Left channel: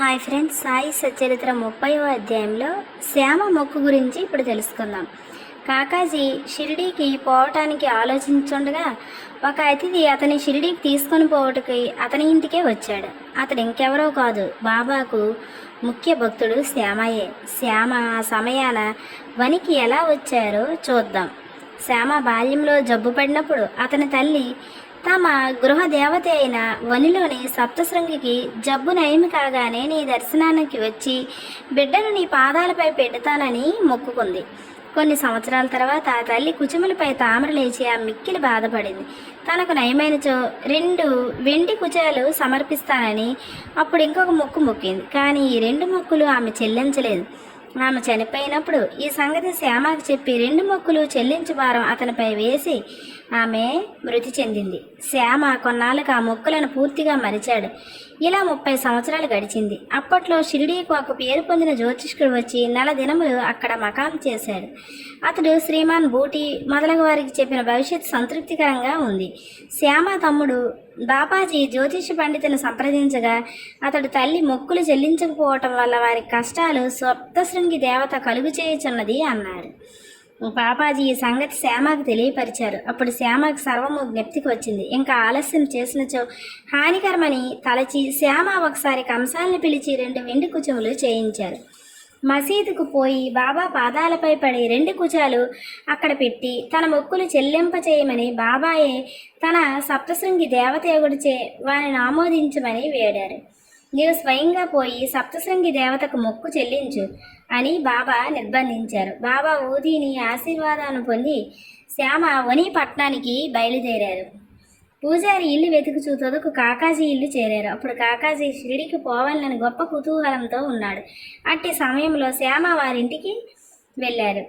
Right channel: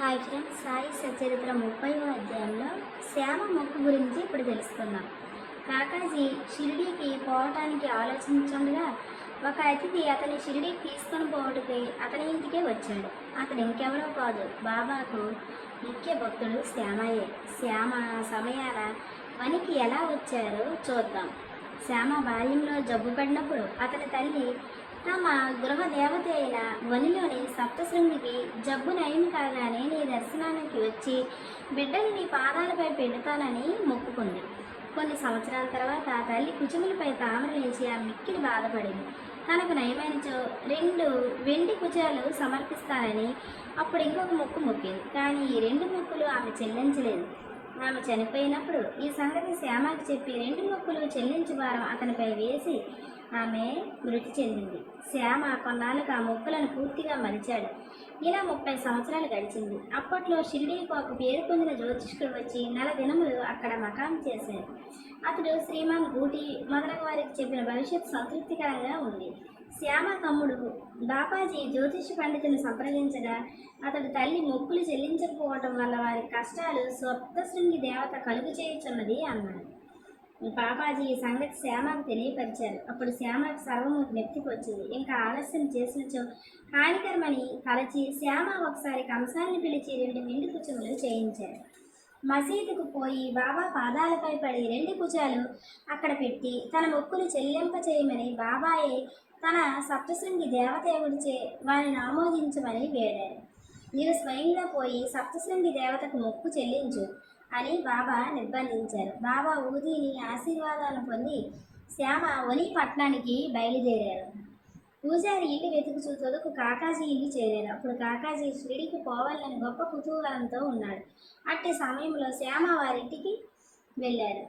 Hi friends Sai Satcharitra ముప్పైవ అధ్యాయంలో శ్యామ మొక్కు గురించి ఇప్పుడు తెలుసుకుందాం. కాకాజీ షిరిడీకి పోవటానికి ఆలోచించుండగా ఒక అతిథి అతని షిరిడీకి తీసుకొని పోవటకి అతని ఇంటికే వచ్చాడు. అతడు ఇంకెవరో కాదు బాబాకు ముఖ్య భక్తుడు శ్యామయే. శ్యామ ఆ సమయాన వనికి ఎలా వచ్చారో చూద్దాం. శ్యామ బాల్యంలో జబ్బు పడినప్పుడు అతని తల్లి తమ గృహ దేవత అయిన వనిలోని సప్తశృంగికి జబ్బు నయమి కాగానే నీ దర్శనానికి వచ్చి బిడ్డను నీ పాదాలపై పెడతానని మొక్కుకుంది. కొన్ని సంవత్సరాల తర్వాత ఆ తల్లి కుచుములపై తామర లేచి ఆ మిక్కిలి బాధపడింది. తనకు నయమైనచో రెండు వెండి కుచాలు సమర్పిస్తానని అప్పుడు ఇంకొక మొక్కు మొక్కింది. కానీ ఈ రెండు మొక్కులు ఆమె చెల్లించలేదు. ఆమె చనిపోయినప్పుడు ఈ సంగతి శ్యామకు చెప్పి రెండు మొక్కులు చెల్లించు భారం అతనిపై వేసి ఆమె మృతి చెందింది. శ్యామ కొన్నాళ్ళకు ఆ మొక్కులను పూర్తిగా మరిచాడు. ఇలా ముప్పై సంవత్సరాలు గడిచింది. అప్పట్లో షిరిడీకి ఒక పేరు పొందిన జ్యోతిష్కుడు వచ్చి నెల దినములు అక్కడ మకాం చేశాడు. అతడు శ్రీమాన్ బూటి మొదలగు వారికి చెప్పిన భవిష్యత్ సంతృప్తికరంగా ఉంది. శ్యామ తమ్ముడు బాబాజీ జ్యోతిష పండితుని సంప్రదించగా అతడు తల్లి మొక్కులు చెల్లించకపోవటం వల్ల వారి కష్టాలు సప్తశృంగి దేవత కలుగు చేయుచున్నది అన్నాడు పాపాజీ ఈ సంగతి శ్యామకు తెలియపరిచారు. అప్పుడు శ్యామకు సర్వము జ్ఞప్తికి వచ్చింది. ఇంకా ఆలస్యం చేసినచో హానికరమని తలచి శ్యామ ఒకసారి కంసాలను పిలిచి రెండు వెండి కుచములు చేయించారు. మసీదుకు పోయి బాబా పాదాలపై పడి రెండు కుచాలు అక్కడ పెట్టి తన మొక్కులు చెల్లింప చేయమని బాబాయే తన సప్తశృంగి దేవతేవుడిచే వారిని ఆమోదించమని వేడారు. నీవు స్వయంగా పోయి సప్తశృంగి దేవతకు మొక్కు చెల్లించు. అని బాబా నిర్బంధించారు. బాబా ఊదీని ఆశీర్వాదాలను పొంది శ్యామ వని పట్టణానికి బయలుదేరారు. పూజారి ఇల్లు వెతుకుచూ తొదకు కాకాజీ ఇల్లు చేరారు. అప్పుడు కాకాజీ షిరిడికి పోవాలని గొప్ప కుతూహలంతో ఉన్నాడు. అట్టి సమయంలో శ్యామ వారింటికి వెళ్ళారు.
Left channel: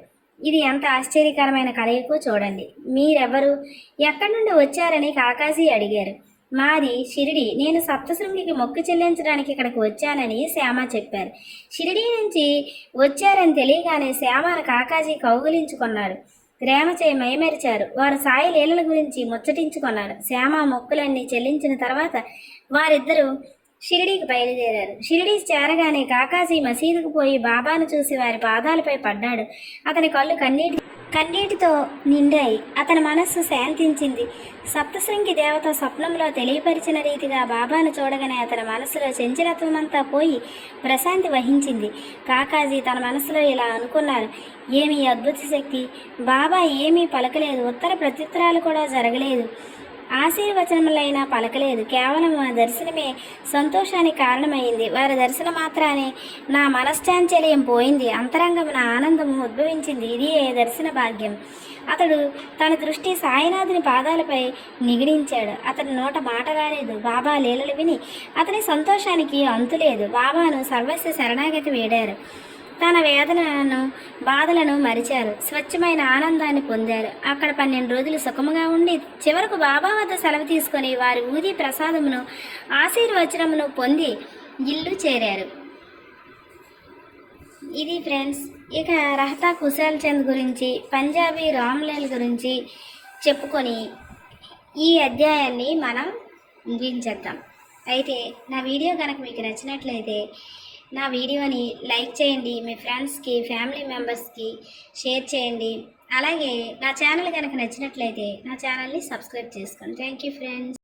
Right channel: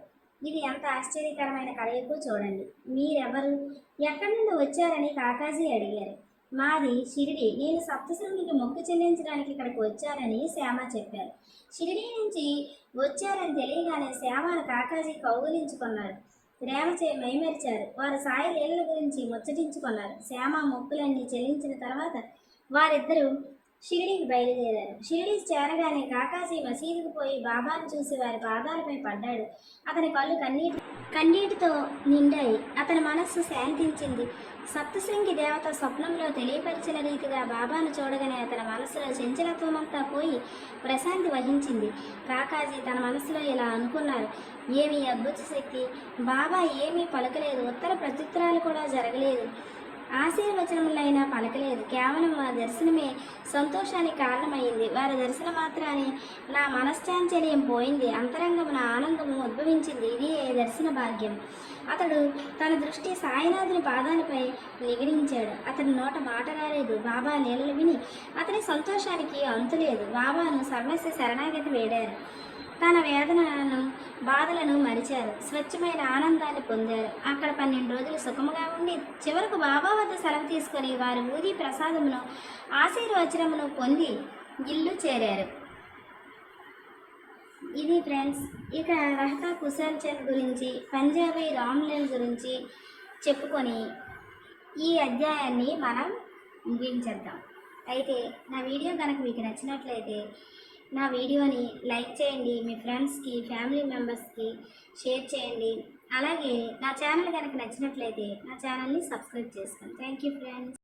ఇది ఎంత ఆశ్చర్యకరమైన కలయికో చూడండి. మీరెవరు? ఎక్కడి నుండి వచ్చారని కాకాజీ అడిగారు. మాది షిరిడి. నేను సప్తశృంగికి మొక్కు చెల్లించడానికి ఇక్కడికి వచ్చానని శ్యామ చెప్పారు. షిరిడి నుంచి వచ్చారని తెలియగానే శ్యామను కాకాజీ కౌగులించుకున్నారు ప్రేమచే మైమరిచారు. వారు సాయి లీలల గురించి ముచ్చటించుకున్నారు. శ్యామ మొక్కులన్నీ చెల్లించిన తర్వాత వారిద్దరూ షిరిడీకి బయలుదేరారు. షిరిడీ చేరగానే కాకాజీ మసీదుకు పోయి బాబాను చూసి వారి పాదాలపై పడ్డాడు. అతని కళ్ళు కన్నీటి కన్నీటితో నిండాయి. అతని మనస్సు శాంతించింది. సప్తశృంగి దేవత స్వప్నంలో తెలియపరిచిన రీతిగా బాబాను చూడగానే అతని మనసులో చంచలత్వమంతా పోయి ప్రశాంతి వహించింది. కాకాజీ తన మనసులో ఇలా అనుకున్నారు. ఏమి అద్భుత శక్తి? బాబా ఏమీ పలకలేదు. ఉత్తర ప్రత్యుత్తరాలు కూడా జరగలేదు. ఆశీర్వచనములైనా పలకలేదు. కేవలం ఆ దర్శనమే సంతోషానికి కారణమైంది. వారి దర్శనం మాత్రాన్ని నా మనశ్చాంచల్యం పోయింది. అంతరంగమున ఆనందము ఉద్భవించింది. ఇది ఏ దర్శన భాగ్యం? అతడు తన దృష్టి సాయినాథుని పాదాలపై నిగిడించాడు. అతడి నోట మాట రాలేదు. బాబా లీలలు విని అతని సంతోషానికి అంతులేదు. బాబాను సర్వస్వ శరణాగతి వేడారు. తన వేదనలను బాధలను మరిచారు. స్వచ్ఛమైన ఆనందాన్ని పొందారు. అక్కడ పన్నెండు రోజులు సుఖముగా ఉండి చివరకు బాబా వద్ద సెలవు తీసుకొని వారి ఊది ప్రసాదమును ఆశీర్వచనమును పొంది ఇల్లు చేరారు. ఇది ఫ్రెండ్స్ ఇక రహతా కుశాల్ చంద్ గురించి పంజాబీ రామ్లైన్ గురించి చెప్పుకొని ఈ అధ్యాయాన్ని మనం ముగించేద్దాం. అయితే నా వీడియో కనుక మీకు నచ్చినట్లయితే నా వీడియోని లైక్ చేయండి మీ ఫ్రెండ్స్కి ఫ్యామిలీ మెంబర్స్కి షేర్ చేయండి. అలాగే నా ఛానల్ కనుక నచ్చినట్లయితే నా ఛానల్ని సబ్స్క్రైబ్ చేసుకోండి థ్యాంక్ యూ ఫ్రెండ్స్.